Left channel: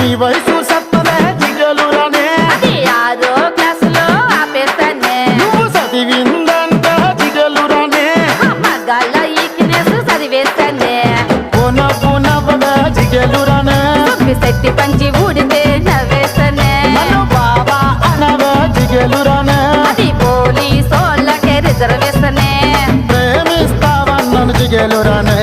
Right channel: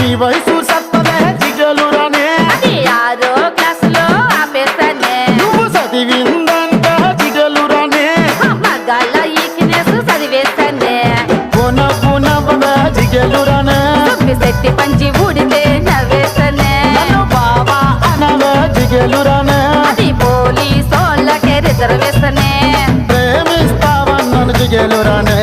నీ వయసు సత్తదే జిగలురానే అది 6వ క్లాసులో ఆపేస్తానే నువ్వు చదివిందంట జిగలురానే మగాళ్ళ ఈకినేసు చదివేస్తానే నవ్వు నవ్వదా జిగలురానే శక్తి పంచి ఊడితే నవ్వేస్తానే నన్ను బాబా అనవే జిగలురానే అది పోలీసోళ్ళకే రిజర్వేస్తానే ప్రేమిస్తావన్నను జిగలురానే